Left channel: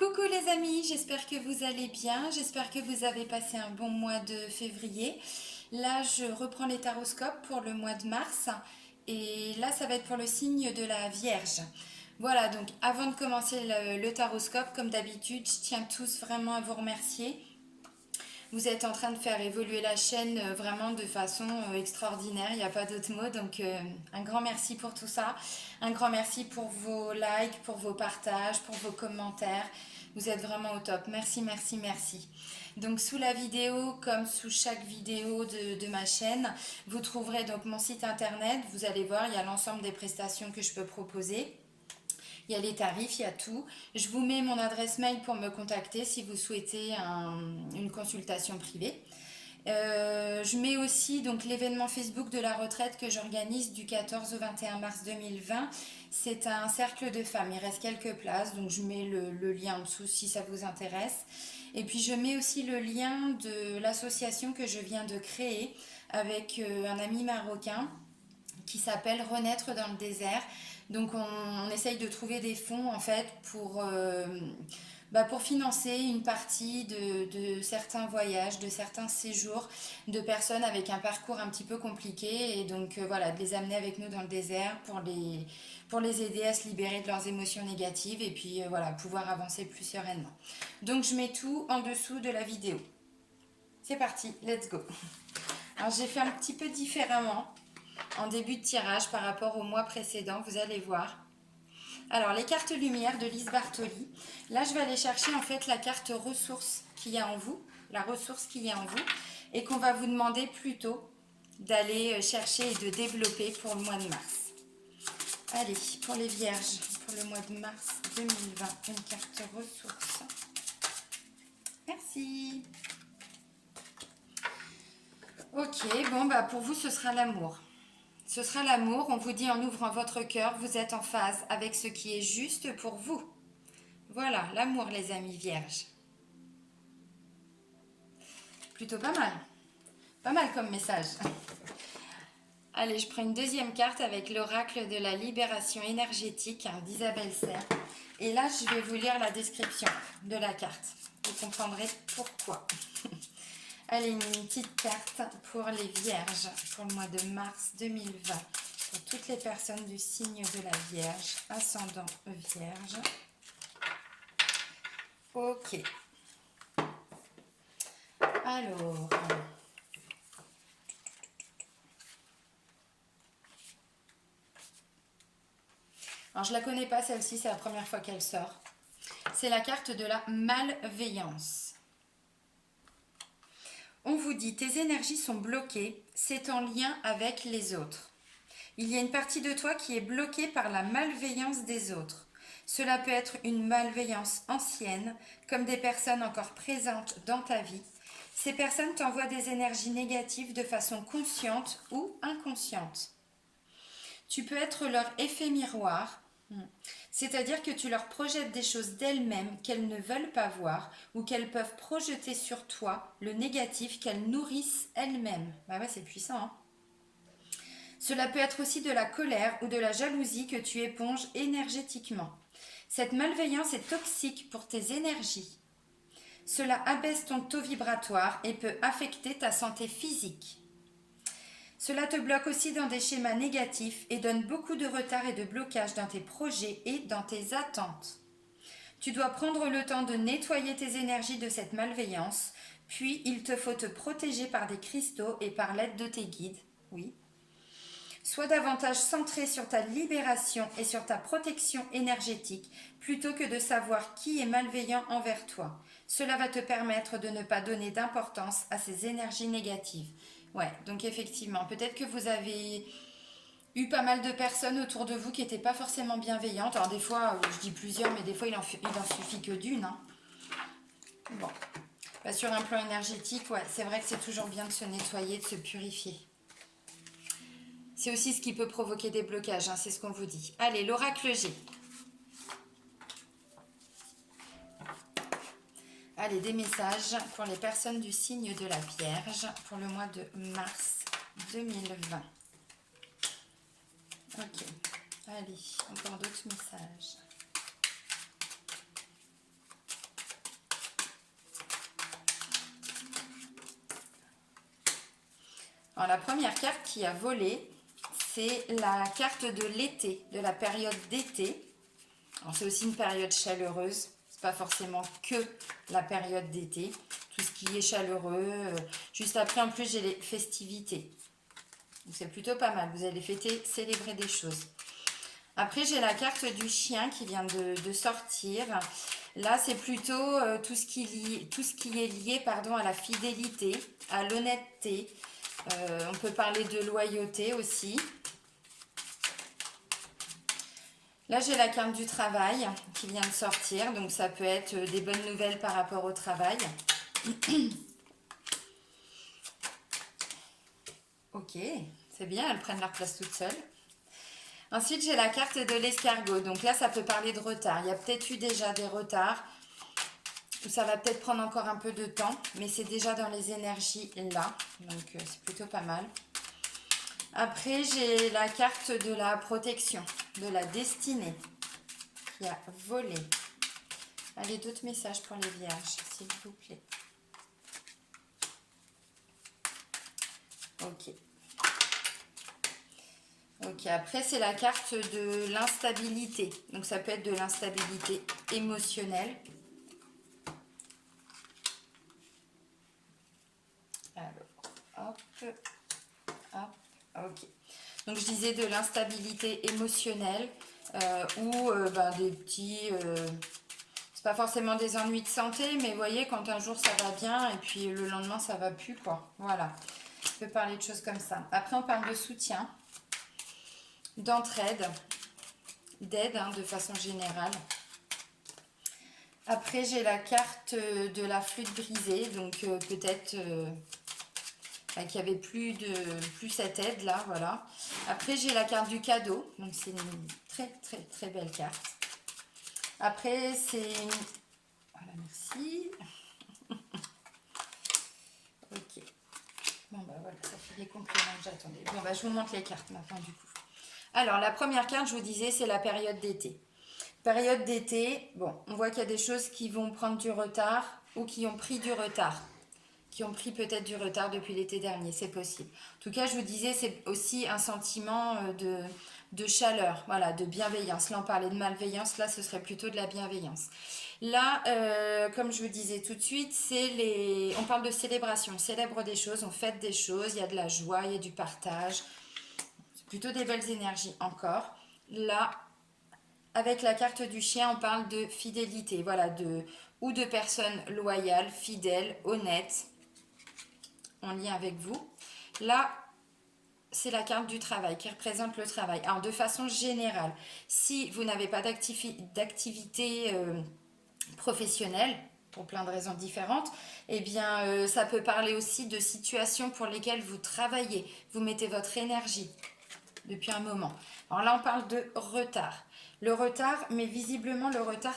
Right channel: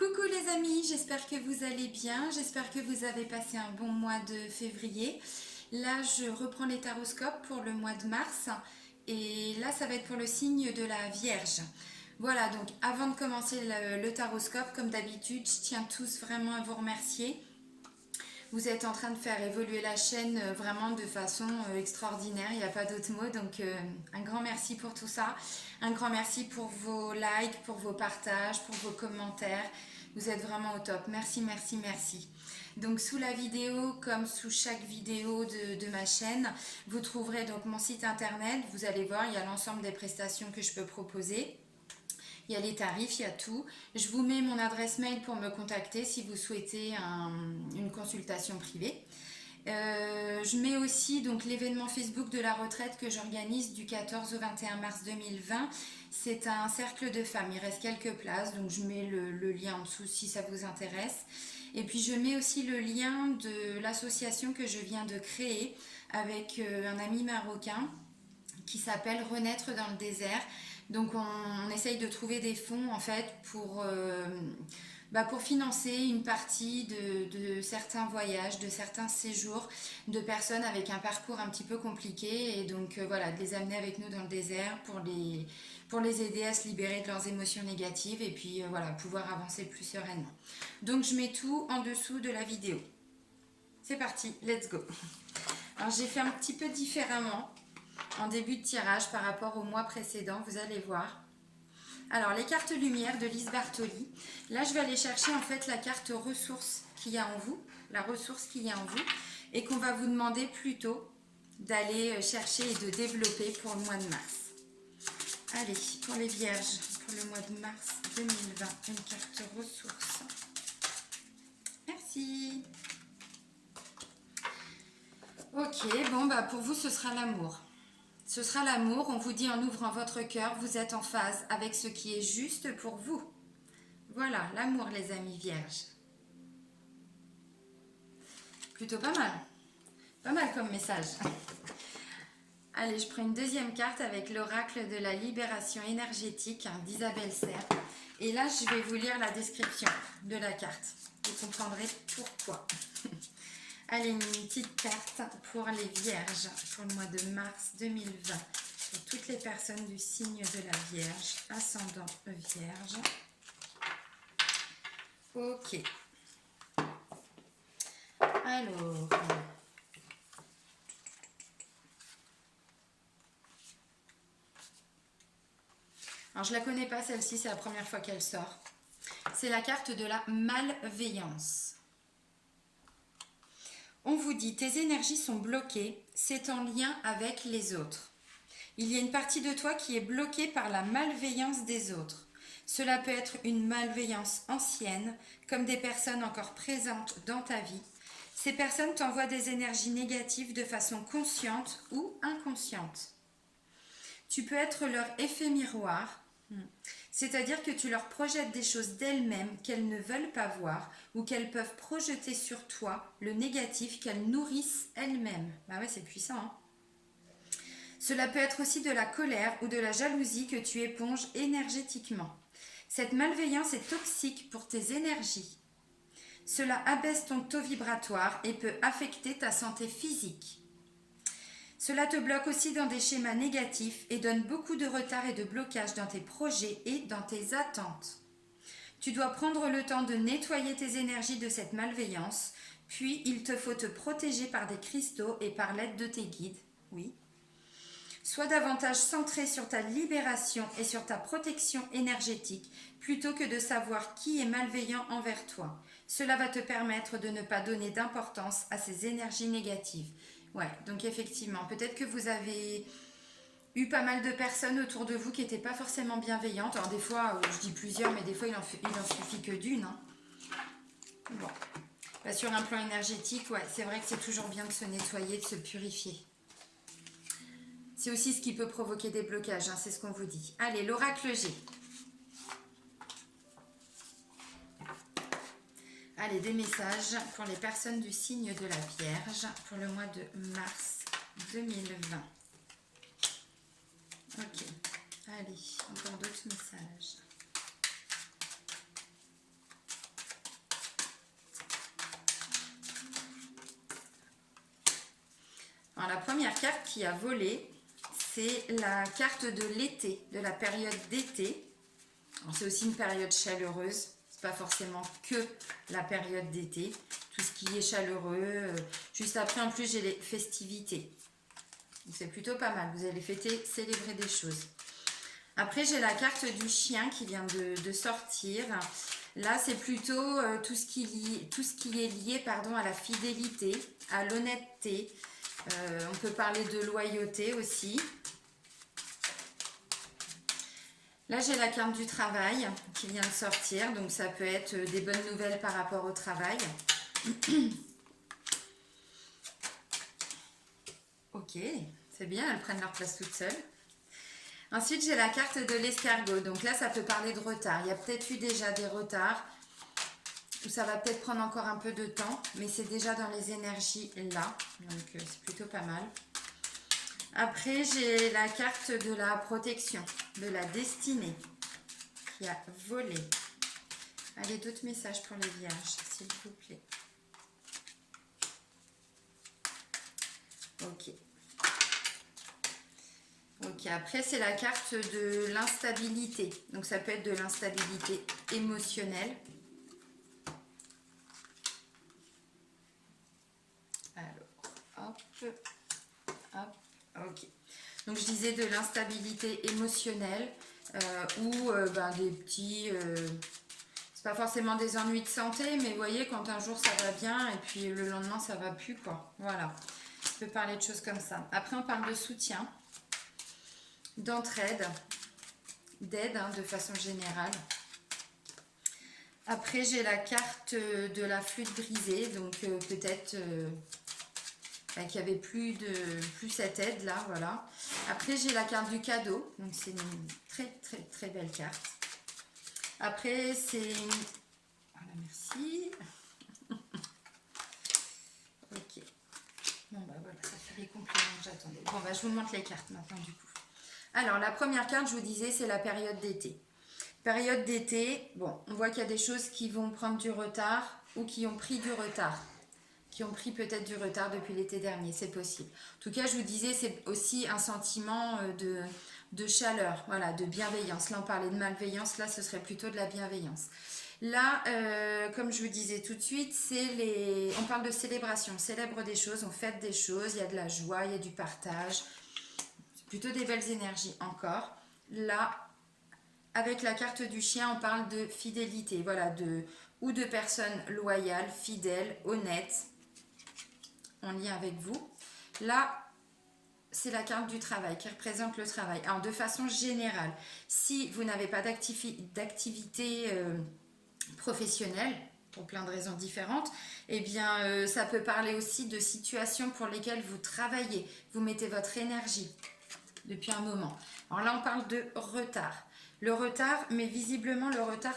Coucou les amis, j'espère que vous allez bien, j'espère que vous avez passé un bon mois de février. Là, je reprends les taroscopes pour le mois de mars et là, ça va être pour le signe de la Vierge. Voilà, donc avant de commencer le taroscope, comme d'habitude, je tiens tous vraiment à vous remercier. Vous êtes en train de faire évoluer la chaîne vraiment de façon extraordinaire, il n'y a pas d'autre mot. Donc un grand merci pour tout ça. Un grand merci pour vos likes, pour vos partages, pour vos commentaires. Vous êtes vraiment au top. Merci, merci, merci. Donc sous la vidéo, comme sous chaque vidéo de ma chaîne, vous trouverez donc mon site internet. Vous allez voir, il y a l'ensemble des prestations que je peux proposer. Il y a les tarifs, il y a tout. Je vous mets mon adresse mail pour me contacter si vous souhaitez une consultation privée. Je mets aussi donc l'événement Facebook de la retraite que j'organise du 14 au 21 mars 2020. C'est un cercle de femmes, il reste quelques places, donc je mets le lien en dessous si ça vous intéresse. Et puis je mets aussi le lien de l'association que je viens de créer avec un ami marocain qui s'appelle Renaître dans le désert. Donc on essaye de trouver des fonds en fait pour financer une partie de certains voyages, de certains séjours de personnes avec un parcours un petit peu compliqué et donc voilà, de les amener avec nous dans le désert pour les aider à se libérer de leurs émotions négatives et puis voilà, pouvoir avancer plus sereinement. Donc je mets tout en dessous de la vidéo. C'est parti, let's go. Alors j'ai fait un petit peu différemment en début de tirage par rapport au mois précédent, vous allez voir. Alors les cartes lumière de Lise Bartoli, là je vais aller chercher en fait la carte ressources qu'il y a en vous, la ressource qu'il y a en vous et qu'on va vous demander plutôt d'aller chercher et de développer pour le mois de mars. Allez, pour les vierges, pour le mois de mars 2020, une carte ressources. Merci. Ok, bon bah pour vous ce sera l'amour. Ce sera l'amour, on vous dit en ouvrant votre cœur, vous êtes en phase avec ce qui est juste pour vous. Voilà, l'amour les amis vierges. Plutôt pas mal. Pas mal comme message. Allez, je prends une deuxième carte avec l'oracle de la libération énergétique d'Isabelle Serre. Et là, je vais vous lire la description de la carte. Vous comprendrez pourquoi. Allez, une petite carte pour les vierges pour le mois de mars 2020. Pour toutes les personnes du signe de la Vierge, ascendant Vierge. Ok. Alors je la connais pas celle-ci, c'est la première fois qu'elle sort. C'est la carte de la malveillance. On vous dit, tes énergies sont bloquées, c'est en lien avec les autres. Il y a une partie de toi qui est bloquée par la malveillance des autres. Cela peut être une malveillance ancienne, comme des personnes encore présentes dans ta vie. Ces personnes t'envoient des énergies négatives de façon consciente ou inconsciente. Tu peux être leur effet miroir, c'est-à-dire que tu leur projettes des choses d'elles-mêmes qu'elles ne veulent pas voir ou qu'elles peuvent projeter sur toi le négatif qu'elles nourrissent elles-mêmes. Bah ouais, c'est puissant, hein. Cela peut être aussi de la colère ou de la jalousie que tu éponges énergétiquement. Cette malveillance est toxique pour tes énergies. Cela abaisse ton taux vibratoire et peut affecter ta santé physique. Cela te bloque aussi dans des schémas négatifs et donne beaucoup de retard et de blocage dans tes projets et dans tes attentes. Tu dois prendre le temps de nettoyer tes énergies de cette malveillance, puis il te faut te protéger par des cristaux et par l'aide de tes guides. Oui. Sois davantage centré sur ta libération et sur ta protection énergétique plutôt que de savoir qui est malveillant envers toi. Cela va te permettre de ne pas donner d'importance à ces énergies négatives. Ouais, donc effectivement, peut-être que vous avez eu pas mal de personnes autour de vous qui n'étaient pas forcément bienveillantes. Alors des fois, je dis plusieurs, mais des fois il en suffit que d'une, hein. Bon, bah, sur un plan énergétique, ouais, c'est vrai que c'est toujours bien de se nettoyer, de se purifier. C'est aussi ce qui peut provoquer des blocages, hein, c'est ce qu'on vous dit. Allez, l'oracle G. Allez, des messages pour les personnes du signe de la Vierge pour le mois de mars 2020. Ok, allez, encore d'autres messages. Alors, la première carte qui a volé, c'est la carte de l'été, de la période d'été. C'est aussi une période chaleureuse. C'est pas forcément que la période d'été. Tout ce qui est chaleureux. Juste après, en plus, j'ai les festivités. Donc, c'est plutôt pas mal. Vous allez fêter, célébrer des choses. Après, j'ai la carte du chien qui vient de sortir. Là, c'est plutôt tout ce qui est lié à la fidélité, à l'honnêteté. On peut parler de loyauté aussi. Là, j'ai la carte du travail qui vient de sortir. Donc, ça peut être des bonnes nouvelles par rapport au travail. Ok, c'est bien, elles prennent leur place toutes seules. Ensuite, j'ai la carte de l'escargot. Donc là, ça peut parler de retard. Il y a peut-être eu déjà des retards. Ou ça va peut-être prendre encore un peu de temps. Mais c'est déjà dans les énergies là. Donc, c'est plutôt pas mal. Après, j'ai la carte de la protection, de la destinée qui a volé. Allez, d'autres messages pour les vierges, s'il vous plaît. Ok. Ok, après, c'est la carte de l'instabilité. Donc, ça peut être de l'instabilité émotionnelle. Alors, hop, ok. Donc, je disais de l'instabilité émotionnelle ou des petits... c'est pas forcément des ennuis de santé, mais vous voyez, quand un jour ça va bien et puis le lendemain ça va plus, quoi. Voilà. On peut parler de choses comme ça. Après, on parle de soutien, d'entraide, d'aide de façon générale. Après, j'ai la carte de la flûte brisée, donc peut-être qu'il n'y avait plus cette aide là, voilà. Après, j'ai la carte du cadeau, donc c'est une très très très belle carte. Après, c'est... Voilà, merci. Ok. Bon, voilà, ça fait les compléments que j'attendais. Bon, je vous montre les cartes maintenant, du coup. Alors, la première carte, je vous disais, c'est la période d'été. Période d'été, bon, on voit qu'il y a des choses qui vont prendre du retard ou qui ont pris du retard. Qui ont pris peut-être du retard depuis l'été dernier, c'est possible. En tout cas, je vous disais, c'est aussi un sentiment de chaleur, voilà, de bienveillance. Là, on parlait de malveillance, là, ce serait plutôt de la bienveillance. Là, comme je vous disais tout de suite, on parle de célébration, on célèbre des choses, on fête des choses, il y a de la joie, il y a du partage. C'est plutôt des belles énergies encore. Là, avec la carte du chien, on parle de fidélité, voilà, ou de personnes loyales, fidèles, honnêtes, en lien avec vous. Là, c'est la carte du travail qui représente le travail. Alors, de façon générale, si vous n'avez pas d'activité professionnelle, pour plein de raisons différentes, eh bien, ça peut parler aussi de situations pour lesquelles vous travaillez. Vous mettez votre énergie depuis un moment. Alors là, on parle de retard. Le retard, mais visiblement, le retard,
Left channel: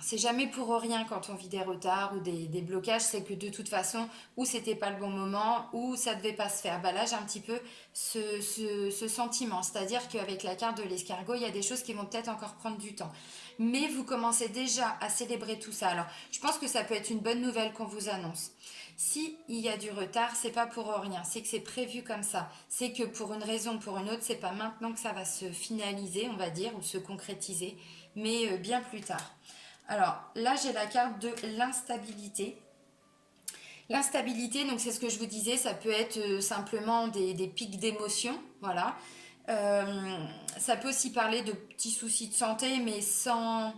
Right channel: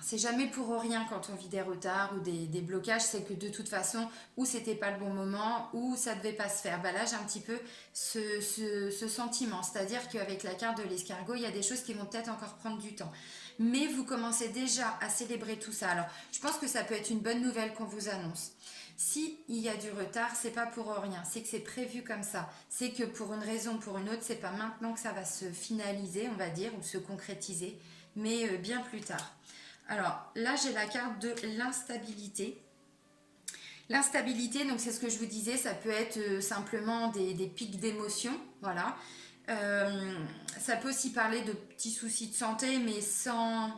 c'est jamais pour rien quand on vit des retards ou des blocages, c'est que de toute façon, ou c'était pas le bon moment, ou ça devait pas se faire. Là, j'ai un petit peu ce sentiment, c'est-à-dire qu'avec la carte de l'escargot, il y a des choses qui vont peut-être encore prendre du temps. Mais vous commencez déjà à célébrer tout ça. Alors, je pense que ça peut être une bonne nouvelle qu'on vous annonce. Si il y a du retard, c'est pas pour rien, c'est que c'est prévu comme ça. C'est que pour une raison ou pour une autre, c'est pas maintenant que ça va se finaliser, on va dire, ou se concrétiser, mais bien plus tard. Alors là, j'ai la carte de l'instabilité. L'instabilité, donc c'est ce que je vous disais, ça peut être simplement des pics d'émotion, voilà. Ça peut aussi parler de petits soucis de santé, mais sans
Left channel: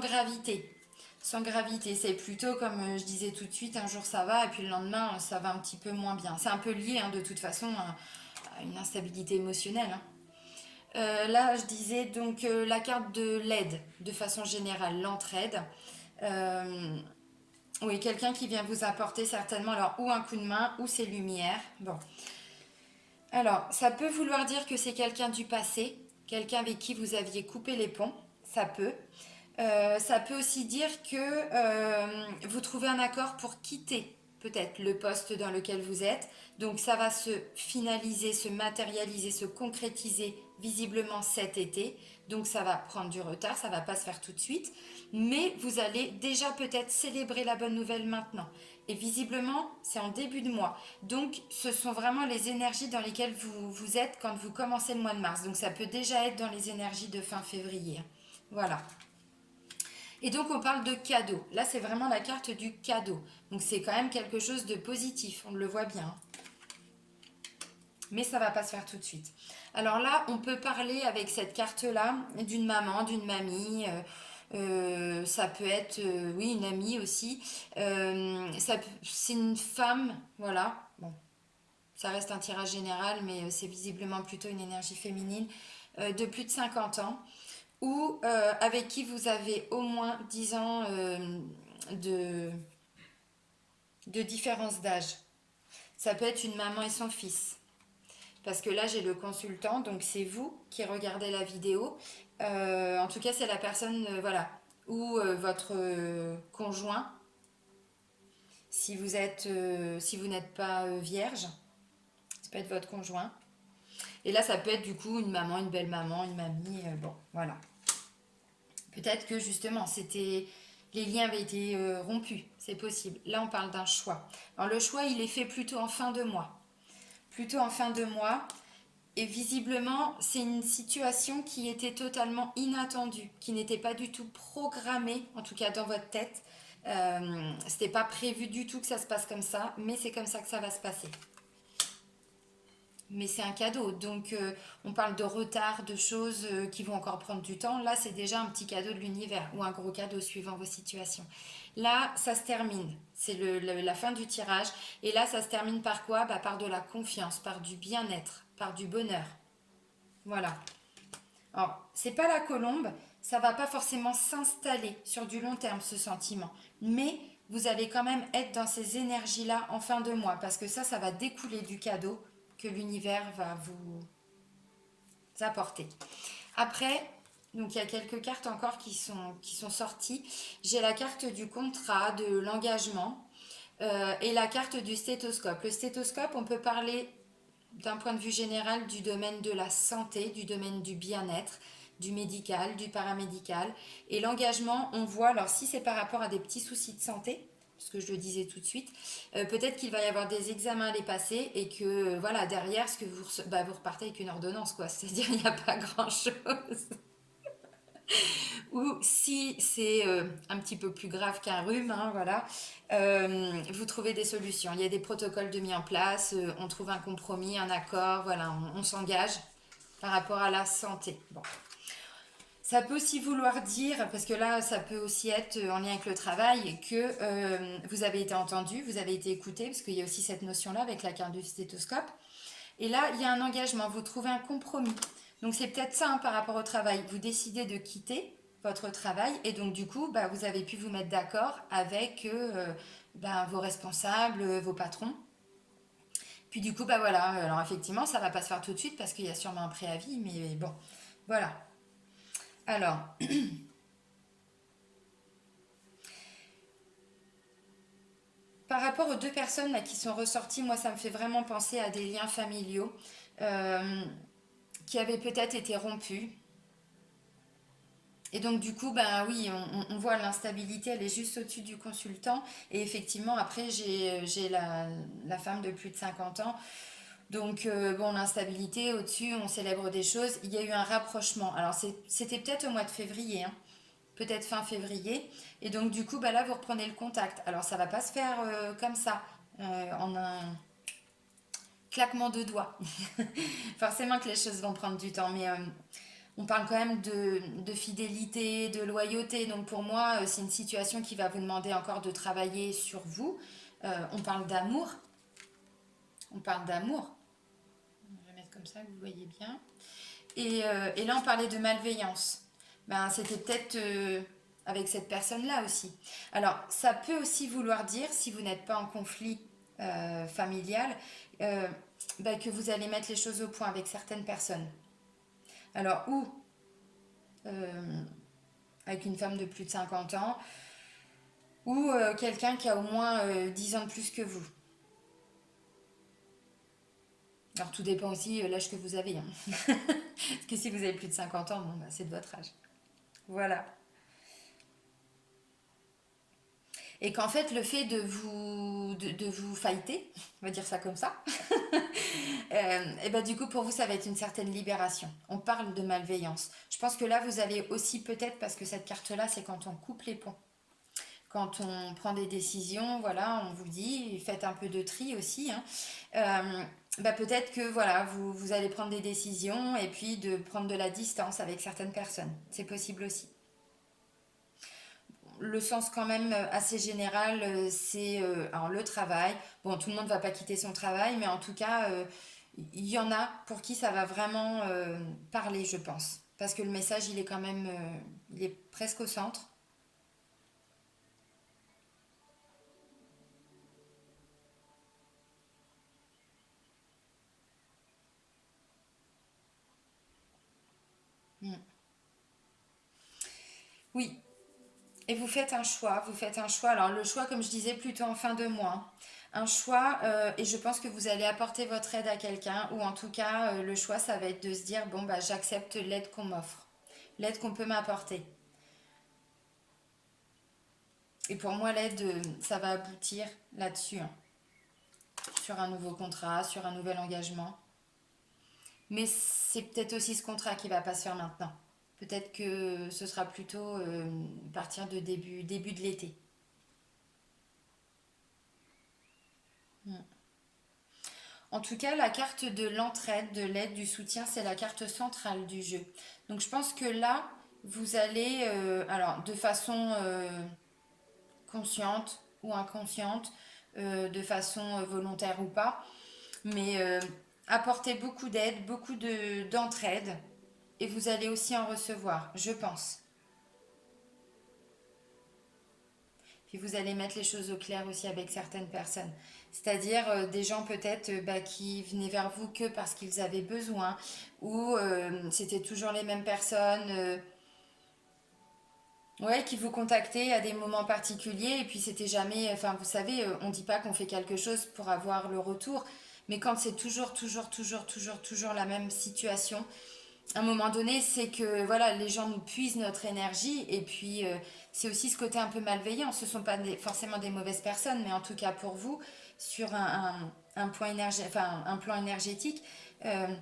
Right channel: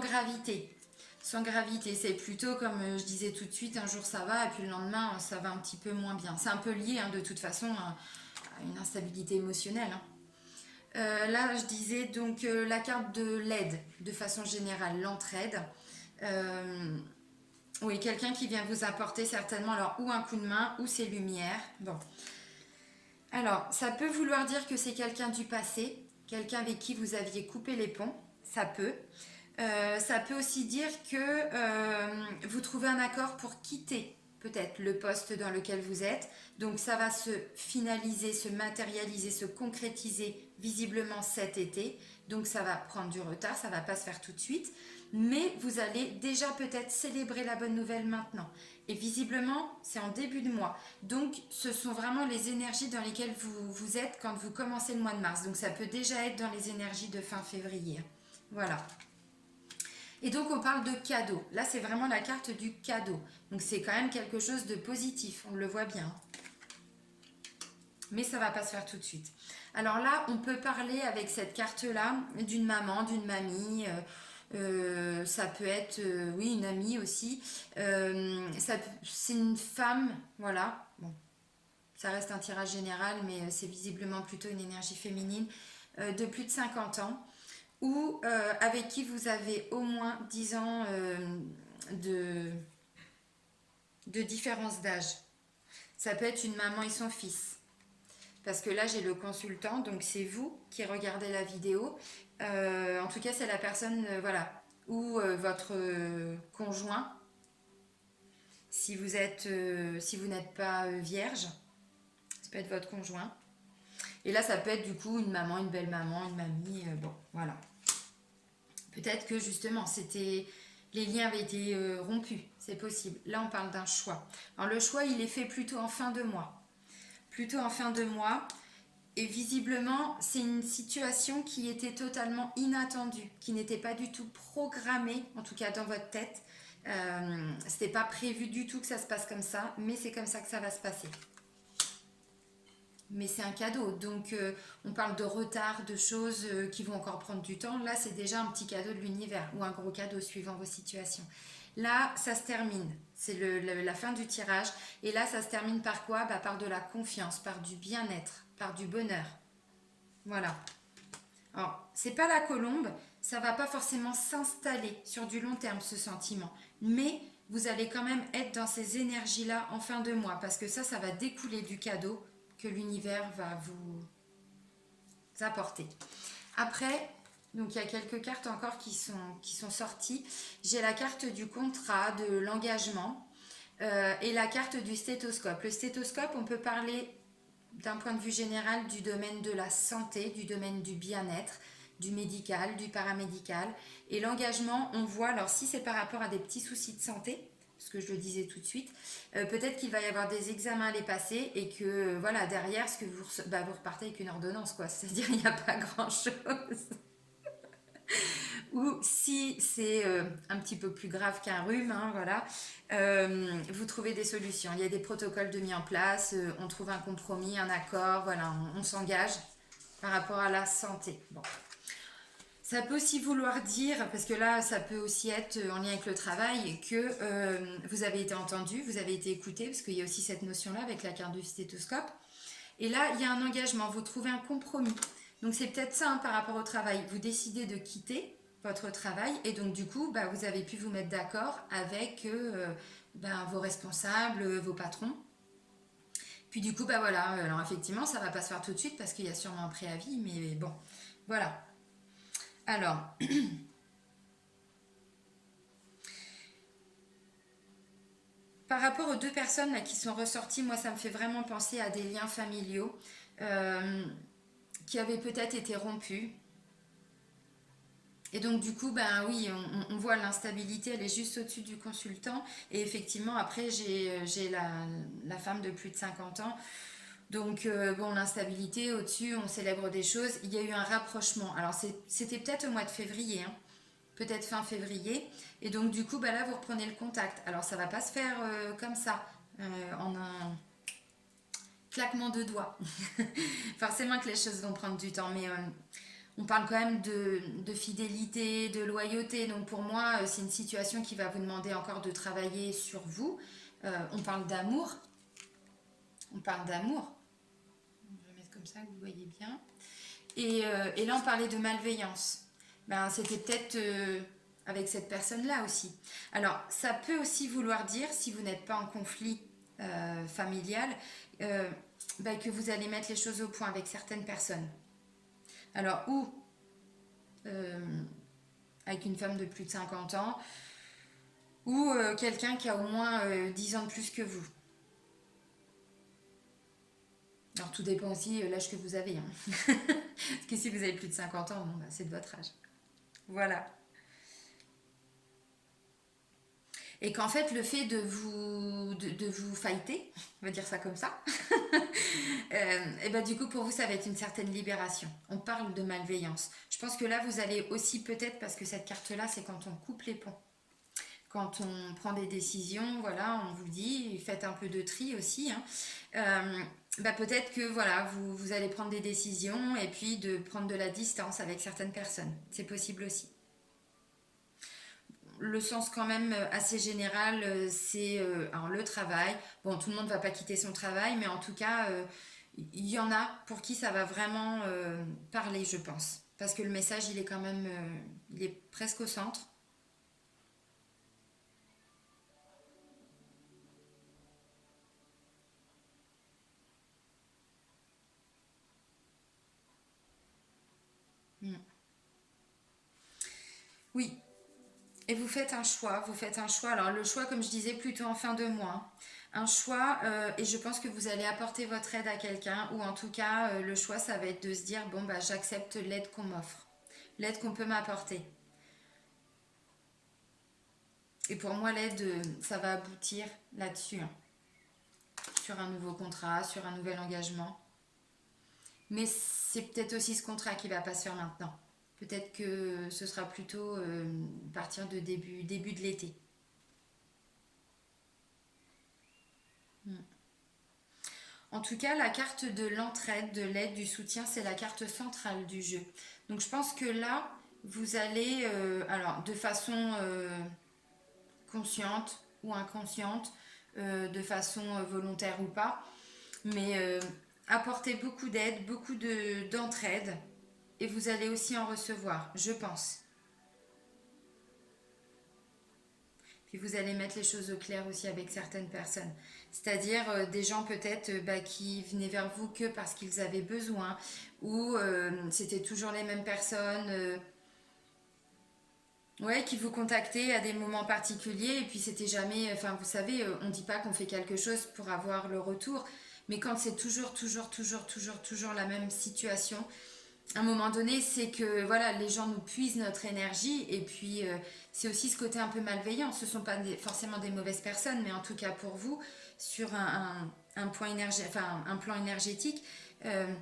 gravité. Sans gravité, c'est plutôt comme je disais tout de suite, un jour ça va et puis le lendemain ça va un petit peu moins bien. C'est un peu lié de toute façon à une instabilité émotionnelle. Là, je disais donc la carte de l'aide, de façon générale, l'entraide. Oui, quelqu'un qui vient vous apporter certainement alors ou un coup de main ou ses lumières. Bon. Alors, ça peut vouloir dire que c'est quelqu'un du passé, quelqu'un avec qui vous aviez coupé les ponts, ça peut. Ça peut aussi dire que vous trouvez un accord pour quitter peut-être le poste dans lequel vous êtes. Donc ça va se finaliser, se matérialiser, se concrétiser visiblement cet été. Donc ça va prendre du retard, ça ne va pas se faire tout de suite. Mais vous allez déjà peut-être célébrer la bonne nouvelle maintenant. Et visiblement, c'est en début de mois. Donc, ce sont vraiment les énergies dans lesquelles vous êtes quand vous commencez le mois de mars. Donc, ça peut déjà être dans les énergies de fin février. Voilà. Et donc, on parle de cadeau. Là, c'est vraiment la carte du cadeau. Donc, c'est quand même quelque chose de positif. On le voit bien. Mais ça ne va pas se faire tout de suite. Alors là, on peut parler avec cette carte-là d'une maman, d'une mamie. Ça peut être, oui, une amie aussi. C'est une femme, voilà. Bon, ça reste un tirage général, mais c'est visiblement plutôt une énergie féminine de plus de 50 ans ou avec qui vous avez au moins 10 ans de, de différence d'âge. Ça peut être une maman et son fils. Parce que là, j'ai le consultant, donc c'est vous qui regardez la vidéo. En tout cas, c'est la personne, voilà, ou votre conjoint, si vous n'êtes pas vierge, ça peut être votre conjoint. Et là, ça peut être du coup une maman, une belle maman, une mamie, bon, voilà. Peut-être que justement, les liens avaient été rompus, c'est possible. Là, on parle d'un choix. Alors le choix, il est fait plutôt en fin de mois. Plutôt en fin de mois. Et visiblement, c'est une situation qui était totalement inattendue, qui n'était pas du tout programmée, en tout cas dans votre tête. C'était pas prévu du tout que ça se passe comme ça, mais c'est comme ça que ça va se passer. Mais c'est un cadeau, donc on parle de retard, de choses qui vont encore prendre du temps. Là, c'est déjà un petit cadeau de l'univers ou un gros cadeau suivant vos situations. Là, ça se termine. C'est la fin du tirage. Et là, ça se termine par quoi? Par de la confiance, par du bien-être, par du bonheur. Voilà. Alors, c'est pas la colombe, ça va pas forcément s'installer sur du long terme, ce sentiment. Mais vous allez quand même être dans ces énergies-là en fin de mois, parce que ça va découler du cadeau que l'univers va vous apporter. Après, donc il y a quelques cartes encore qui sont sorties. J'ai la carte du contrat, de l'engagement et la carte du stéthoscope. Le stéthoscope, on peut parler d'un point de vue général du domaine de la santé, du domaine du bien-être, du médical, du paramédical. Et l'engagement, on voit, alors si c'est par rapport à des petits soucis de santé, parce que je le disais tout de suite, peut-être qu'il va y avoir des examens à les passer et que voilà, derrière, ce que vous repartez avec une ordonnance, quoi. C'est-à-dire il n'y a pas grand-chose. Ou si c'est un petit peu plus grave qu'un rhume, hein, voilà, vous trouvez des solutions. Il y a des protocoles de mis en place, on trouve un compromis, un accord, voilà, on s'engage par rapport à la santé. Bon. Ça peut aussi vouloir dire, parce que là, ça peut aussi être en lien avec le travail, que vous avez été entendu, vous avez été écouté, parce qu'il y a aussi cette notion-là avec la carte du stéthoscope. Et là, il y a un engagement, vous trouvez un compromis. Donc c'est peut-être ça hein, par rapport au travail. Vous décidez de quitter votre travail et donc du coup, vous avez pu vous mettre d'accord avec vos responsables, vos patrons. Puis du coup, voilà, alors effectivement, ça va pas se faire tout de suite parce qu'il y a sûrement un préavis, mais bon, voilà. Alors, par rapport aux deux personnes là, qui sont ressorties, moi, ça me fait vraiment penser à des liens familiaux qui avaient peut-être été rompus. Et donc du coup, oui, on voit l'instabilité, elle est juste au-dessus du consultant. Et effectivement, après, j'ai la femme de plus de 50 ans. Donc, l'instabilité, au-dessus, on célèbre des choses. Il y a eu un rapprochement. Alors, c'était peut-être au mois de février, hein, peut-être fin février. Et donc, du coup, là, vous reprenez le contact. Alors, ça va pas se faire comme ça, en un claquement de doigts. Forcément que les choses vont prendre du temps, mais on parle quand même de fidélité, de loyauté. Donc pour moi, c'est une situation qui va vous demander encore de travailler sur vous. On parle d'amour. On parle d'amour. Je vais mettre comme ça que vous voyez bien. Et là, on parlait de malveillance. C'était peut-être avec cette personne-là aussi. Alors, ça peut aussi vouloir dire, si vous n'êtes pas en conflit familial, que vous allez mettre les choses au point avec certaines personnes. Alors, ou avec une femme de plus de 50 ans, ou quelqu'un qui a au moins 10 ans de plus que vous. Alors, tout dépend aussi de l'âge que vous avez. Hein. Parce que si vous avez plus de 50 ans, c'est de votre âge. Voilà. Et qu'en fait, le fait de de vous fighter, on va dire ça comme ça. Et ben du coup, pour vous, ça va être une certaine libération. On parle de malveillance. Je pense que là, vous allez aussi peut-être, parce que cette carte-là, c'est quand on coupe les ponts. Quand on prend des décisions, voilà, on vous dit, faites un peu de tri aussi, hein. Bah peut-être que voilà, vous allez prendre des décisions et puis de prendre de la distance avec certaines personnes. C'est possible aussi. Le sens quand même assez général, c'est alors le travail. Bon, tout le monde ne va pas quitter son travail, mais en tout cas, il y en a pour qui ça va vraiment parler, je pense. Parce que le message, il est quand même, il est presque au centre. Mm. Oui, et vous faites un choix, vous faites un choix. Alors le choix, comme je disais, plutôt en fin de mois, hein. Un choix, et je pense que vous allez apporter votre aide à quelqu'un, ou en tout cas, le choix, ça va être de se dire, bon, bah, j'accepte l'aide qu'on m'offre, l'aide qu'on peut m'apporter. Et pour moi, l'aide, ça va aboutir là-dessus, hein, sur un nouveau contrat, sur un nouvel engagement. Mais c'est peut-être aussi ce contrat qui va pas se faire maintenant. Peut-être que ce sera plutôt à partir de début de l'été. Mm. En tout cas, la carte de l'entraide, de l'aide, du soutien, c'est la carte centrale du jeu. Donc je pense que là, vous allez, alors de façon consciente ou inconsciente, de façon volontaire ou pas, mais apporter beaucoup d'aide, d'entraide, et vous allez aussi en recevoir, je pense. Puis vous allez mettre les choses au clair aussi avec certaines personnes. C'est-à-dire des gens peut-être bah, qui venaient vers vous que parce qu'ils avaient besoin, ou c'était toujours les mêmes personnes, ouais, qui vous contactaient à des moments particuliers, et puis c'était jamais, enfin vous savez, on ne dit pas qu'on fait quelque chose pour avoir le retour, mais quand c'est toujours la même situation, à un moment donné, c'est que voilà, les gens nous puisent notre énergie, et puis c'est aussi ce côté un peu malveillant. Ce ne sont pas forcément des mauvaises personnes, mais en tout cas pour vous, sur un point enfin, un plan énergétique, euh,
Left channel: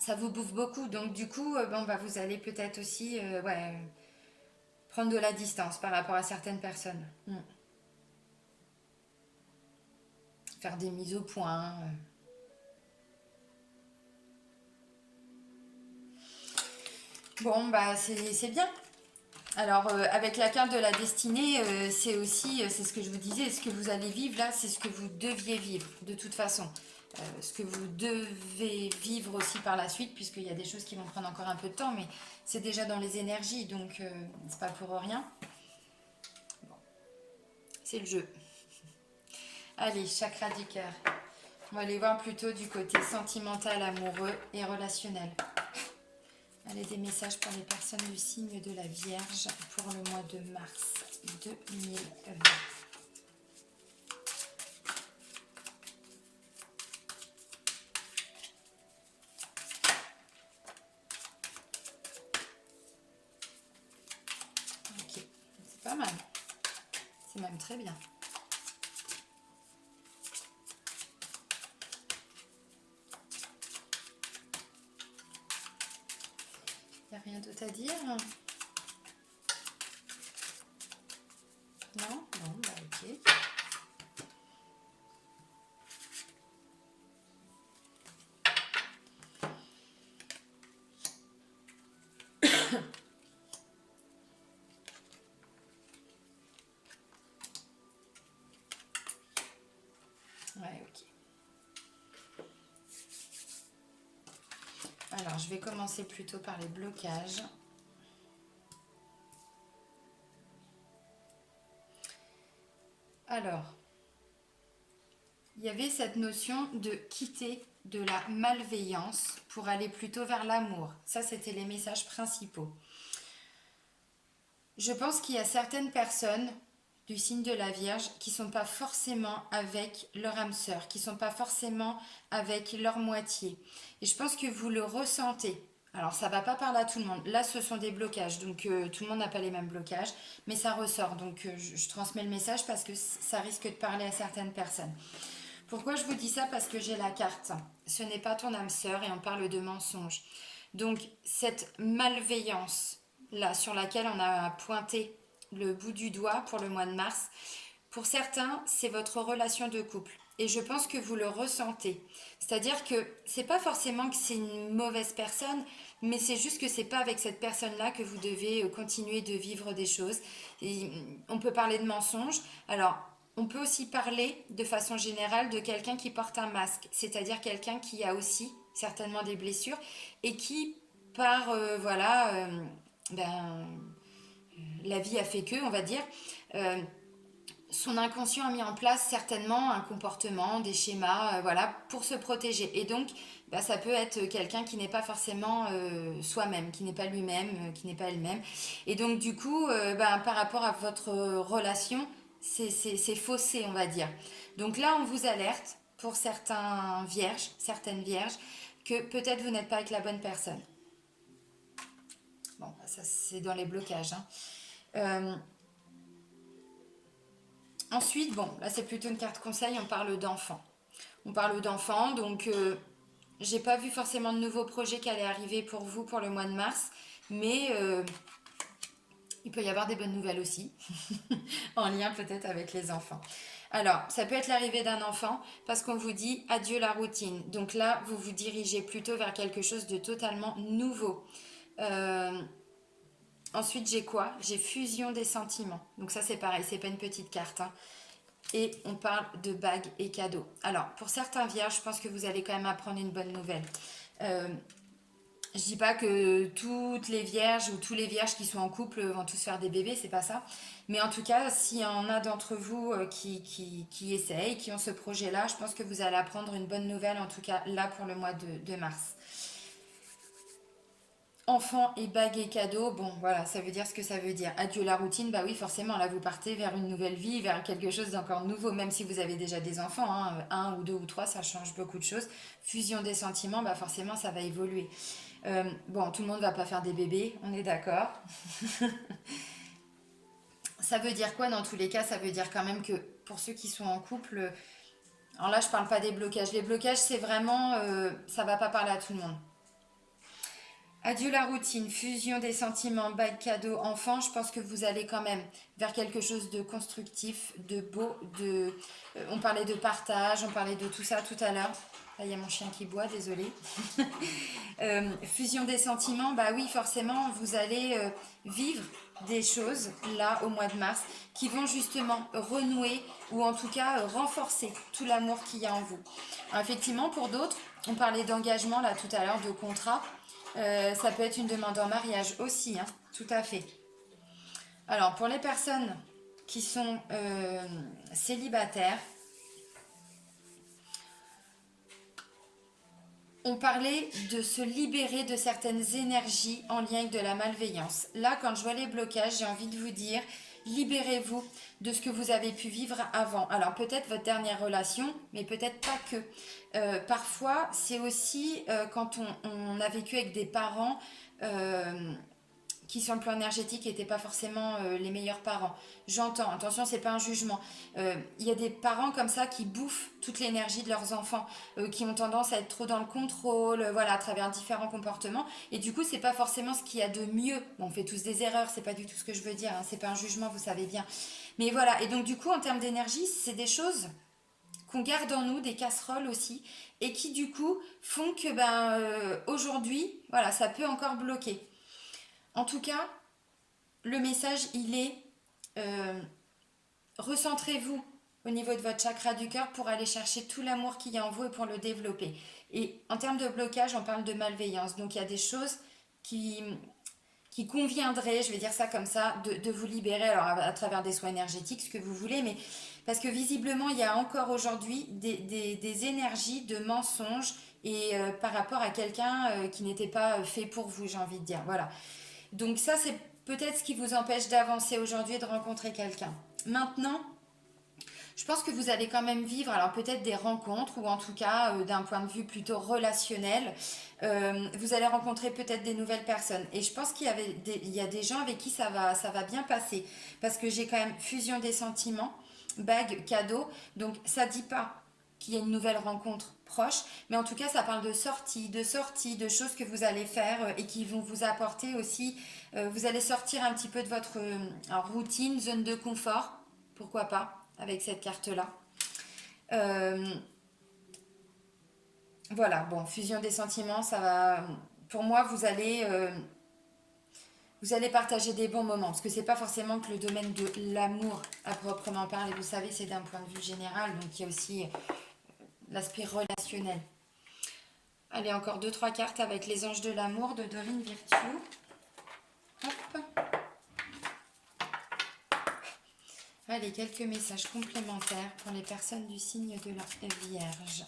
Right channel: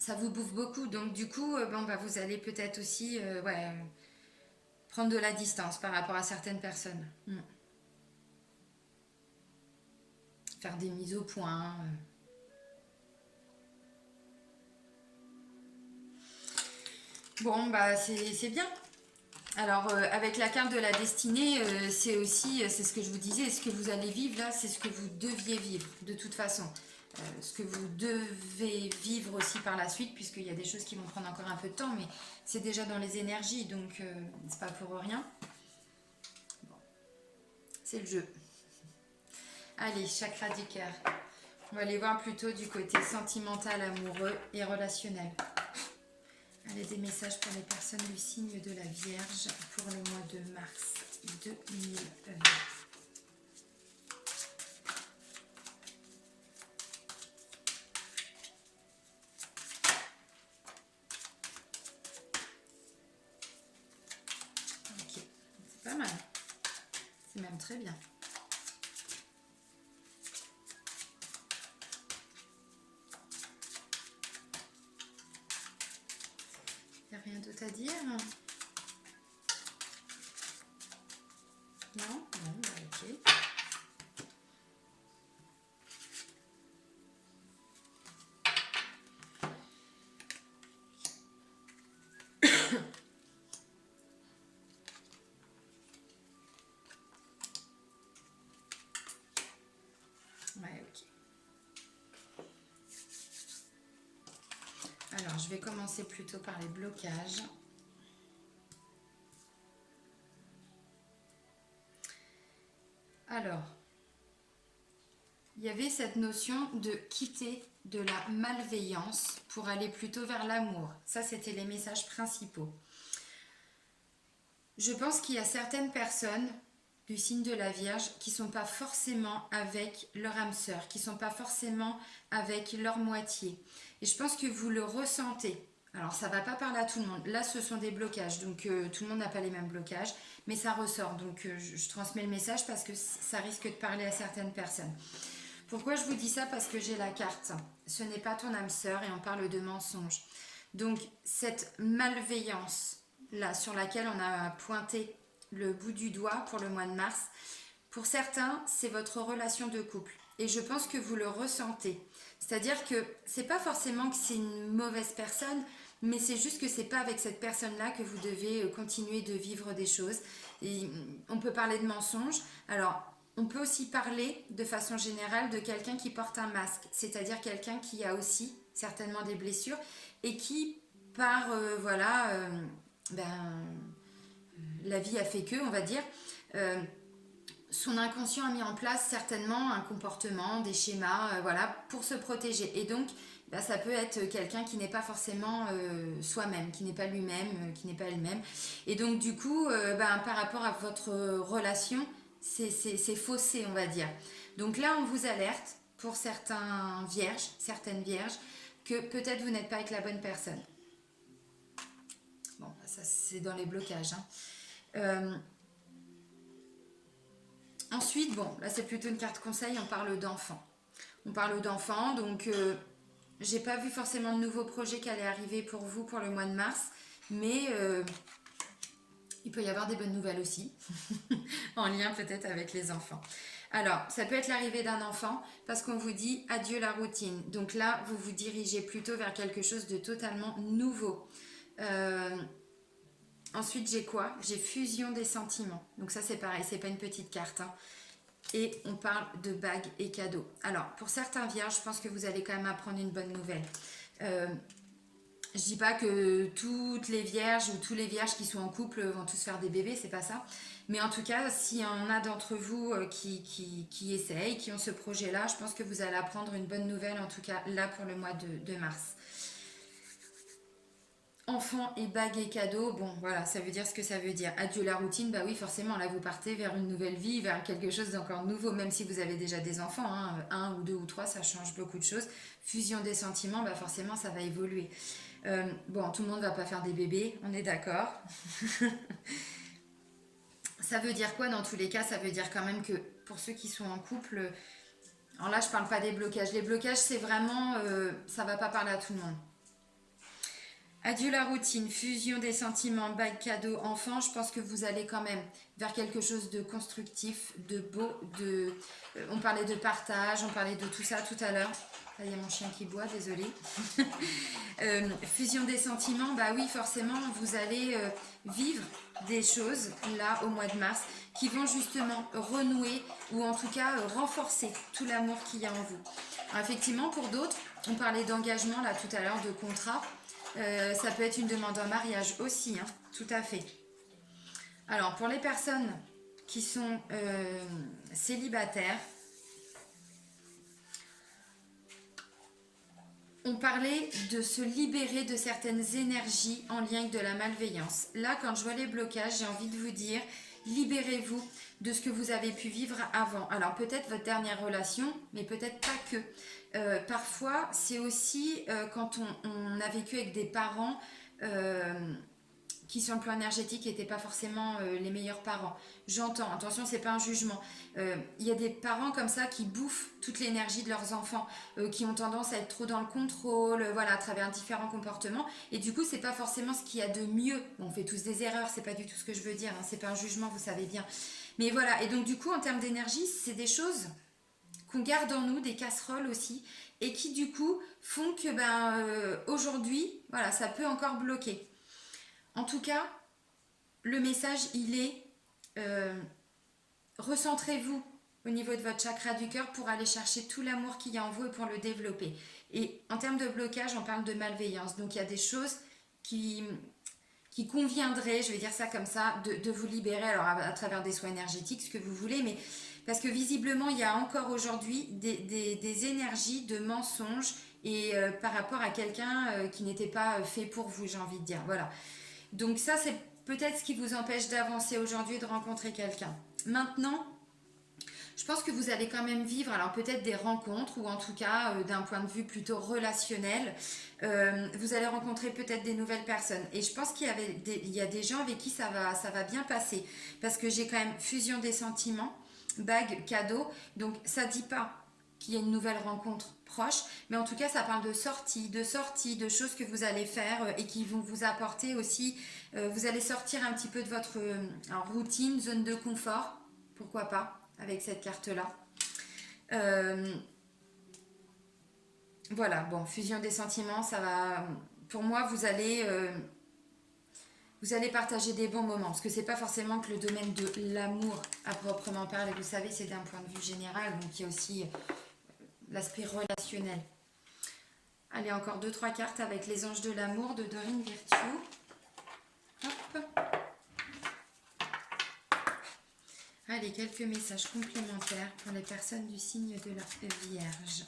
ça vous bouffe beaucoup. Donc du coup, bon, bah, vous allez peut-être aussi ouais, prendre de la distance par rapport à certaines personnes. Faire des mises au point. Bon, bah c'est bien. Alors, avec la carte de la destinée, c'est aussi, c'est ce que je vous disais, ce que vous allez vivre là, c'est ce que vous deviez vivre de toute façon. Ce que vous devez vivre aussi par la suite, puisqu'il y a des choses qui vont prendre encore un peu de temps, mais c'est déjà dans les énergies, donc c'est pas pour rien. C'est le jeu. Allez, chakra du cœur. On va aller voir plutôt du côté sentimental, amoureux et relationnel. Allez, des messages pour les personnes du signe de la Vierge pour le mois de mars 2020. Ok, c'est pas mal. C'est même très bien. Il n'y a rien d'autre à dire? Non? Bon, bah ok. Ouais, ok. Alors, je vais commencer plutôt par les blocages. Alors, il y avait cette notion de quitter de la malveillance pour aller plutôt vers l'amour. Ça, c'était les messages principaux. Je pense qu'il y a certaines personnes du signe de la Vierge qui ne sont pas forcément avec leur âme sœur, qui ne sont pas forcément avec leur moitié. Et je pense que vous le ressentez Alors, ça va pas parler à tout le monde. Là, ce sont des blocages, donc tout le monde n'a pas les mêmes blocages, mais ça ressort. Donc, je transmets le message parce que ça risque de parler à certaines personnes. Pourquoi je vous dis ça? Parce que j'ai la carte. Ce n'est pas ton âme sœur et on parle de mensonge. Donc, cette malveillance, là, sur laquelle on a pointé le bout du doigt pour le mois de mars, pour certains, c'est votre relation de couple. Et je pense que vous le ressentez. C'est-à-dire que c'est pas forcément que c'est une mauvaise personne, mais c'est juste que c'est pas avec cette personne-là que vous devez continuer de vivre des choses. Et on peut parler de mensonges. Alors, on peut aussi parler de façon générale de quelqu'un qui porte un masque, c'est-à-dire quelqu'un qui a aussi certainement des blessures et qui, par ben, la vie a fait que, on va dire, euh, son inconscient a mis en place certainement un comportement, des schémas, voilà, pour se protéger. Et donc, bah, ça peut être quelqu'un qui n'est pas forcément soi-même, qui n'est pas lui-même, qui n'est pas elle-même. Et donc, du coup, bah, par rapport à votre relation, c'est faussé, on va dire. Donc là, on vous alerte pour certaines vierges, que peut-être vous n'êtes pas avec la bonne personne. Bon, bah, ça c'est dans les blocages, hein. Euh, Ensuite, bon, là c'est plutôt une carte conseil, on parle d'enfants. On parle d'enfants, donc j'ai pas vu forcément de nouveaux projets qui allaient arriver pour vous pour le mois de mars, mais il peut y avoir des bonnes nouvelles aussi, en lien peut-être avec les enfants. Alors, ça peut être l'arrivée d'un enfant parce qu'on vous dit adieu la routine. Donc là, vous vous dirigez plutôt vers quelque chose de totalement nouveau. Euh, Ensuite, j'ai quoi? J'ai fusion des sentiments. Donc ça, c'est pareil, c'est pas une petite carte, hein. Et on parle de bagues et cadeaux. Alors, pour certains vierges, je pense que vous allez quand même apprendre une bonne nouvelle. Euh, je dis pas que toutes les vierges ou tous les vierges qui sont en couple vont tous faire des bébés, c'est pas ça. Mais en tout cas, s'il y en a d'entre vous qui essayent, qui ont ce projet-là, je pense que vous allez apprendre une bonne nouvelle, en tout cas là pour le mois de mars. Enfants et bagues et cadeaux, bon voilà, ça veut dire ce que ça veut dire. Adieu la routine, bah oui, forcément, là vous partez vers une nouvelle vie, vers quelque chose d'encore nouveau, même si vous avez déjà des enfants, hein, un ou deux ou trois, ça change beaucoup de choses. Fusion des sentiments, bah forcément, ça va évoluer. Bon, tout le monde va pas faire des bébés, on est d'accord. Ça veut dire quoi dans tous les cas? Ça veut dire quand même que pour ceux qui sont en couple, alors là je parle pas des blocages. Les blocages, c'est vraiment, ça va pas parler à tout le monde. Adieu la routine, fusion des sentiments, bague, cadeau, enfant, je pense que vous allez quand même vers quelque chose de constructif, de beau, on parlait de partage, on parlait de tout ça tout à l'heure. Là, il y a mon chien qui boit, désolé. Fusion des sentiments, bah oui, forcément, vous allez vivre des choses là au mois de mars qui vont justement renouer ou en tout cas renforcer tout l'amour qu'il y a en vous. Alors, effectivement, pour d'autres, on parlait d'engagement là tout à l'heure, de contrat. Ça peut être une demande en mariage aussi, hein, tout à fait. Alors, pour les personnes qui sont célibataires, on parlait de se libérer de certaines énergies en lien avec de la malveillance. Là, quand je vois les blocages, j'ai envie de vous dire, libérez-vous de ce que vous avez pu vivre avant. Alors peut-être votre dernière relation, mais peut-être pas que. Parfois, c'est aussi quand on a vécu avec des parents euh, qui sur le plan énergétique n'étaient pas forcément les meilleurs parents. J'entends, attention, c'est pas un jugement. Il y a des parents comme ça qui bouffent toute l'énergie de leurs enfants, qui ont tendance à être trop dans le contrôle, voilà, à travers différents comportements. Et du coup, c'est pas forcément ce qu'il y a de mieux. Bon, on fait tous des erreurs, c'est pas du tout ce que je veux dire, hein, c'est pas un jugement, vous savez bien. Mais voilà, et donc du coup, en termes d'énergie, c'est des choses qu'on garde en nous, des casseroles aussi, et qui du coup font que aujourd'hui, voilà, ça peut encore bloquer. En tout cas, le message, il est euh, recentrez-vous au niveau de votre chakra du cœur pour aller chercher tout l'amour qu'il y a en vous et pour le développer. Et en termes de blocage, on parle de malveillance. Donc il y a des choses qui conviendraient, je vais dire ça comme ça, de vous libérer alors à travers des soins énergétiques, ce que vous voulez, mais parce que visiblement, il y a encore aujourd'hui des énergies de mensonges et par rapport à quelqu'un qui n'était pas fait pour vous, j'ai envie de dire. Voilà. Donc ça, c'est peut-être ce qui vous empêche d'avancer aujourd'hui et de rencontrer quelqu'un. Maintenant, Je pense que vous allez quand même vivre, alors peut-être des rencontres, ou en tout cas d'un point de vue plutôt relationnel, vous allez rencontrer peut-être des nouvelles personnes. Et je pense il y a des gens avec qui ça va bien passer. Parce que j'ai quand même fusion des sentiments, bague, cadeau. Donc ça dit pas qu'il y a une nouvelle rencontre proche, mais en tout cas ça parle de sorties, de choses que vous allez faire et qui vont vous apporter aussi. Vous allez sortir un petit peu de votre routine, zone de confort, pourquoi pas, avec cette carte-là. Euh, voilà, bon, fusion des sentiments, ça va. Pour moi, vous allez partager des bons moments, parce que c'est pas forcément que le domaine de l'amour à proprement parler. Vous savez, c'est d'un point de vue général, donc il y a aussi l'aspect relationnel. Allez, encore deux, trois cartes avec les anges de l'amour de Dorine Virtue. Hop. Allez, quelques messages complémentaires pour les personnes du signe de la Vierge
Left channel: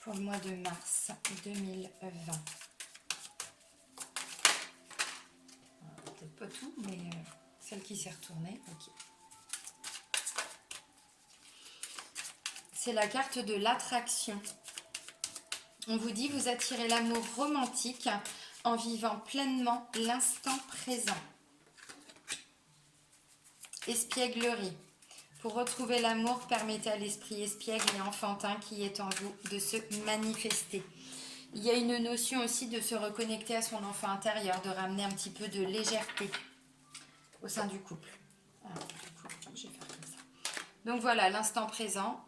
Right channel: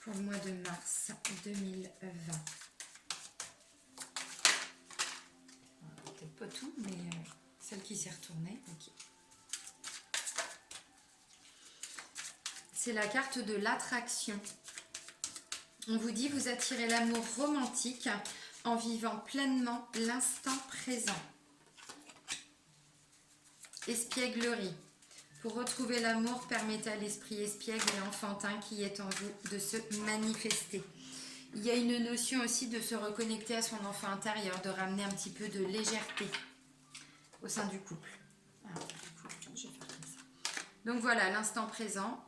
pour le mois de mars 2020. Peut-être pas tout, mais celle qui s'est retournée. Ok. C'est la carte de l'attraction. On vous dit, vous attirez l'amour romantique en vivant pleinement l'instant présent. Espièglerie. Pour retrouver l'amour, permettez à l'esprit espiègle et enfantin qui est en vous de se manifester. Il y a une notion aussi de se reconnecter à son enfant intérieur, de ramener un petit peu de légèreté au sein du couple. Alors, du coup, je vais faire comme ça. Donc voilà, l'instant présent,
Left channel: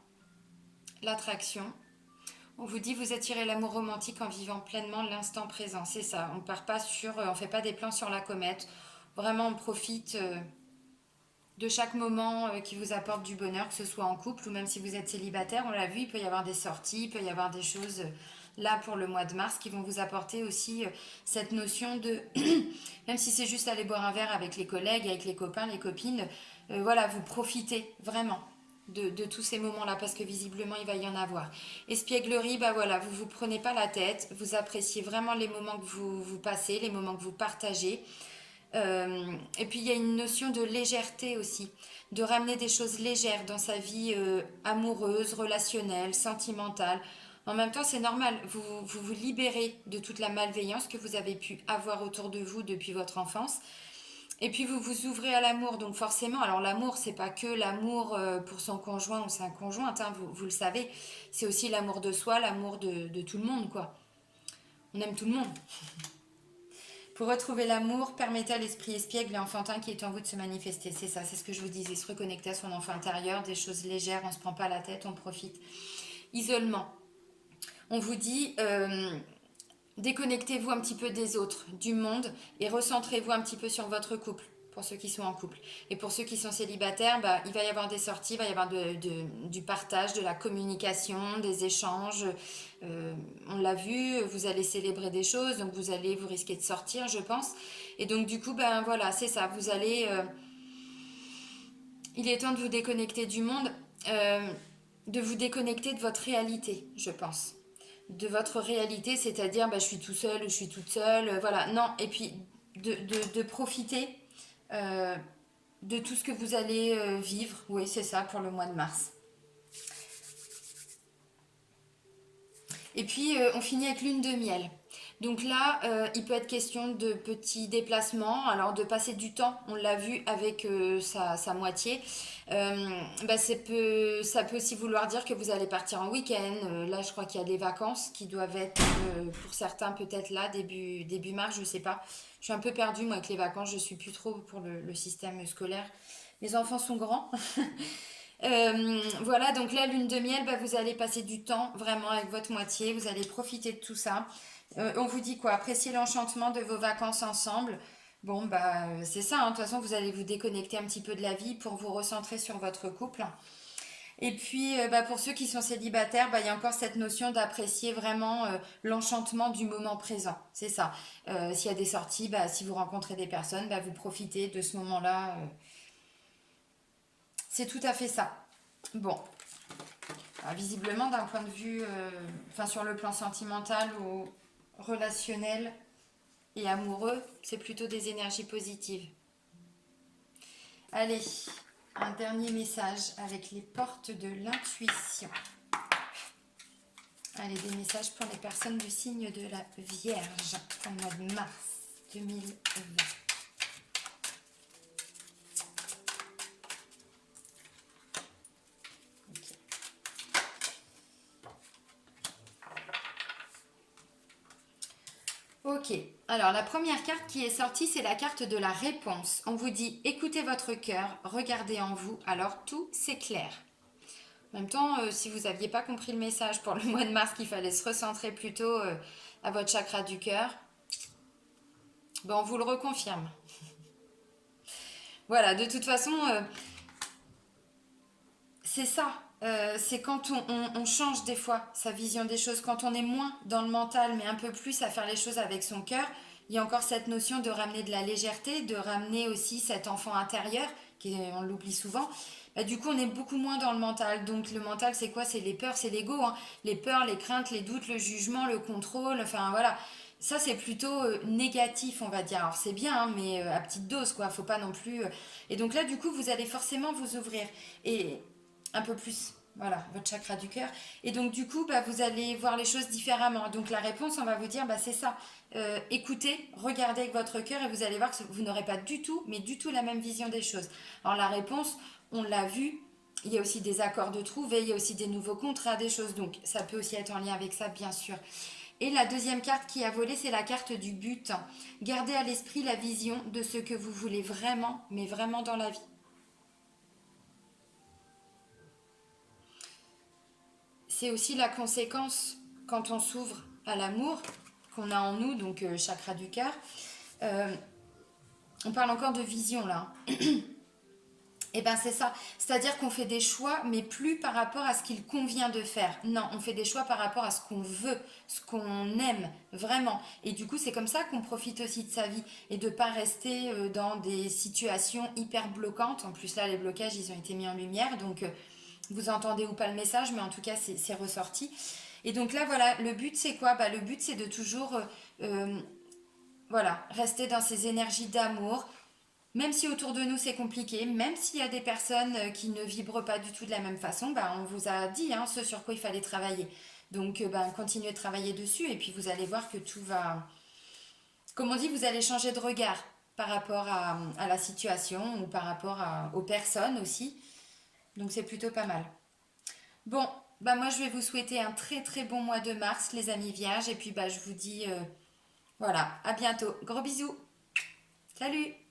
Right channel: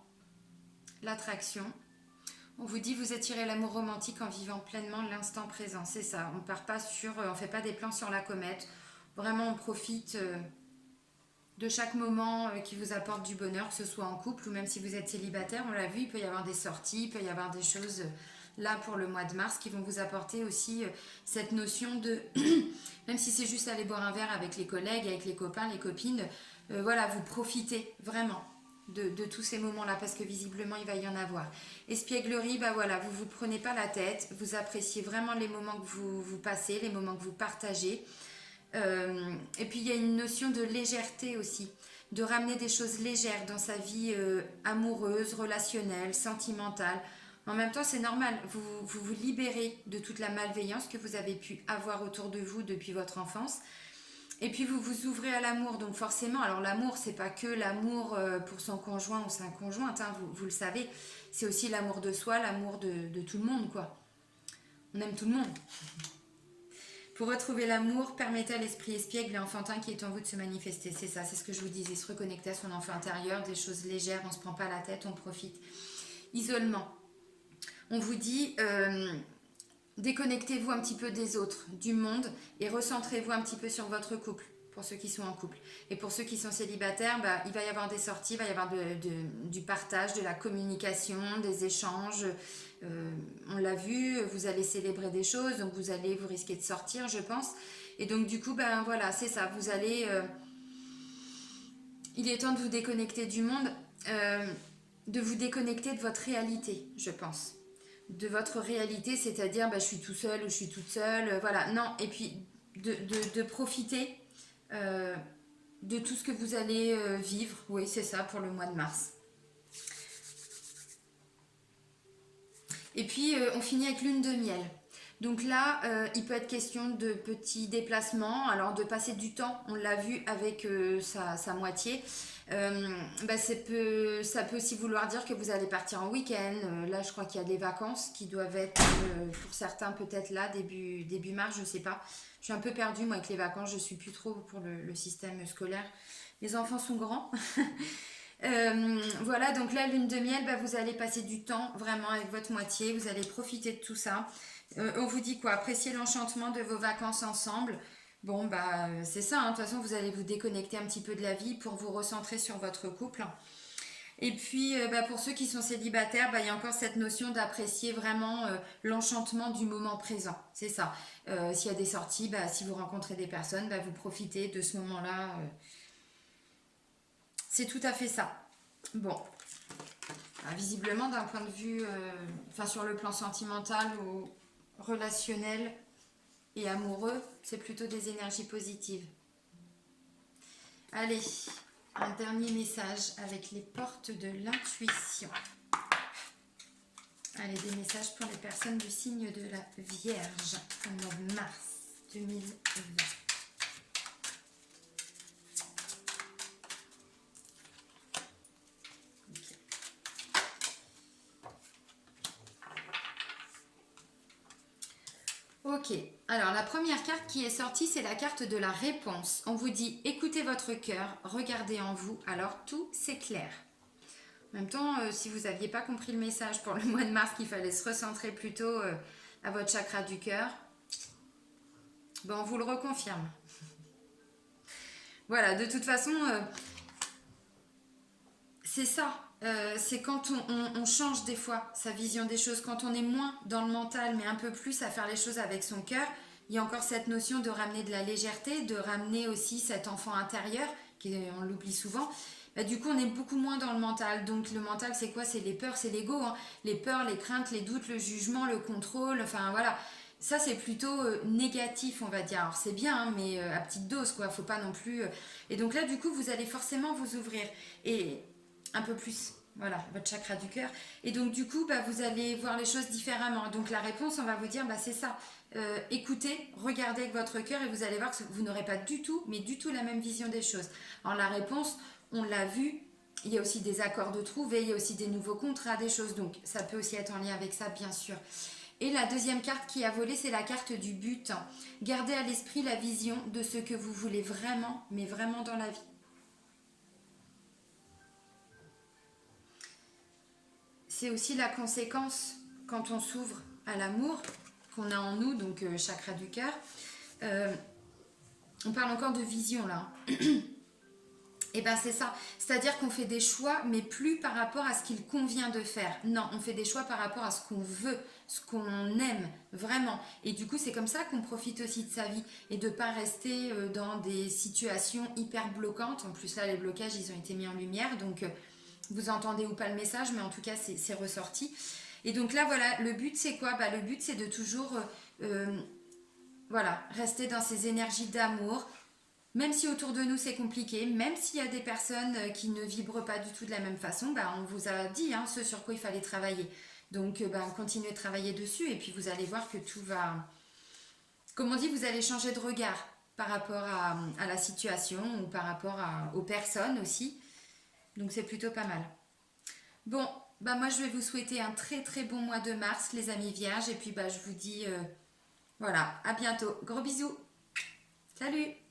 l'attraction. On vous dit, vous attirez l'amour romantique en vivant pleinement l'instant présent. C'est ça, on part pas on fait pas des plans sur la comète. Vraiment, on profite de chaque moment qui vous apporte du bonheur, que ce soit en couple ou même si vous êtes célibataire. On l'a vu, il peut y avoir des sorties, il peut y avoir des choses là pour le mois de mars qui vont vous apporter aussi cette notion de, même si c'est juste aller boire un verre avec les collègues, avec les copains, les copines, voilà, vous profitez vraiment de tous ces moments-là parce que visiblement il va y en avoir. Espièglerie, bah voilà, vous prenez pas la tête, vous appréciez vraiment les moments que vous passez, les moments que vous partagez. Et puis il y a une notion de légèreté aussi, de ramener des choses légères dans sa vie amoureuse, relationnelle, sentimentale. En même temps, c'est normal, vous libérez de toute la malveillance que vous avez pu avoir autour de vous depuis votre enfance. Et puis vous vous ouvrez à l'amour, donc forcément, alors l'amour, c'est pas que l'amour pour son conjoint ou sa conjointe, hein, vous le savez, c'est aussi l'amour de soi, l'amour de tout le monde, quoi. On aime tout le monde. Pour retrouver l'amour, permettez à l'esprit espiègle et enfantin qui est en vous de se manifester. C'est ça, c'est ce que je vous disais, se reconnecter à son enfant intérieur, des choses légères, on ne se prend pas la tête, on profite. Isolement. On vous dit, déconnectez-vous un petit peu des autres, du monde, et recentrez-vous un petit peu sur votre couple, pour ceux qui sont en couple. Et pour ceux qui sont célibataires, bah, il va y avoir des sorties, il va y avoir du partage, de la communication, des échanges. On l'a vu, vous allez célébrer des choses, donc vous risquez de sortir, je pense. Et donc du coup, ben voilà, c'est ça, vous allez... il est temps de vous déconnecter du monde, de vous déconnecter de votre réalité, je pense. De votre réalité, c'est-à-dire bah, je suis tout seul ou je suis toute seule, voilà. Non, et puis de profiter de tout ce que vous allez vivre, oui, c'est ça, pour le mois de mars. Et puis, on finit avec lune de miel. Donc là, il peut être question de petits déplacements, alors de passer du temps, on l'a vu avec sa moitié. Bah, ça peut aussi vouloir dire que vous allez partir en week-end. Là, je crois qu'il y a des vacances qui doivent être, pour certains, peut-être là, début mars, je sais pas. Je suis un peu perdue, moi, avec les vacances, je suis plus trop pour le système scolaire. Les enfants sont grands. Voilà, donc la lune de miel, bah, vous allez passer du temps vraiment avec votre moitié, vous allez profiter de tout ça. On vous dit quoi? Apprécier l'enchantement de vos vacances ensemble. Bon, bah, c'est ça, hein. De toute façon, vous allez vous déconnecter un petit peu de la vie pour vous recentrer sur votre couple. Et puis, bah, pour ceux qui sont célibataires, bah, il y a encore cette notion d'apprécier vraiment l'enchantement du moment présent. C'est ça. S'il y a des sorties, bah, si vous rencontrez des personnes, bah, vous profitez de ce moment-là. C'est tout à fait ça. Bon, visiblement d'un point de vue, sur le plan sentimental ou relationnel et amoureux, c'est plutôt des énergies positives. Allez, un dernier message avec les portes de l'intuition. Allez, des messages pour les personnes du signe de la Vierge au mois de mars 2020. Ok, alors la première carte qui est sortie, c'est la carte de la réponse. On vous dit, écoutez votre cœur, regardez en vous, alors tout s'éclaire. En même temps, si vous n'aviez pas compris le message pour le mois de mars, qu'il fallait se recentrer plutôt à votre chakra du cœur, ben on vous le reconfirme. Voilà, de toute façon, c'est ça. C'est quand on change des fois sa vision des choses, quand on est moins dans le mental, mais un peu plus à faire les choses avec son cœur, il y a encore cette notion de ramener de la légèreté, de ramener aussi cet enfant intérieur, on l'oublie souvent. Bah, du coup, on est beaucoup moins dans le mental. Donc le mental, c'est quoi? C'est les peurs, c'est l'ego. Hein. Les peurs, les craintes, les doutes, le jugement, le contrôle, enfin voilà. Ça, c'est plutôt négatif, on va dire. Alors c'est bien, hein, mais à petite dose, quoi. Faut pas non plus... Et donc là, du coup, vous allez forcément vous ouvrir. Et un peu plus, voilà, votre chakra du cœur. Et donc du coup, bah, vous allez voir les choses différemment. Donc la réponse, on va vous dire, bah, c'est ça. Écoutez, regardez avec votre cœur et vous allez voir que vous n'aurez pas du tout, mais du tout la même vision des choses. Alors la réponse, on l'a vu, il y a aussi des accords de trouver, il y a aussi des nouveaux contrats, des choses. Donc ça peut aussi être en lien avec ça, bien sûr. Et la deuxième carte qui a volé, c'est la carte du but. Gardez à l'esprit la vision de ce que vous voulez vraiment, mais vraiment dans la vie. C'est aussi la conséquence quand on s'ouvre à l'amour qu'on a en nous, donc chakra du cœur. On parle encore de vision là. Et ben c'est ça. C'est-à-dire qu'on fait des choix, mais plus par rapport à ce qu'il convient de faire. Non, on fait des choix par rapport à ce qu'on veut, ce qu'on aime vraiment. Et du coup, c'est comme ça qu'on profite aussi de sa vie et de pas rester dans des situations hyper bloquantes. En plus là, les blocages, ils ont été mis en lumière, donc vous entendez ou pas le message, mais en tout cas, c'est ressorti. Et donc là, voilà, le but, c'est quoi? Bah, le but, c'est de toujours voilà, rester dans ces énergies d'amour, même si autour de nous, c'est compliqué, même s'il y a des personnes qui ne vibrent pas du tout de la même façon, bah, on vous a dit hein, ce sur quoi il fallait travailler. Donc, bah, continuez de travailler dessus et puis vous allez voir que tout va... Comme on dit, vous allez changer de regard par rapport à la situation ou par rapport aux personnes aussi. Donc, c'est plutôt pas mal. Bon, bah moi je vais vous souhaiter un très très bon mois de mars les amis vierges et puis bah je vous dis voilà, à bientôt. Gros bisous. Salut.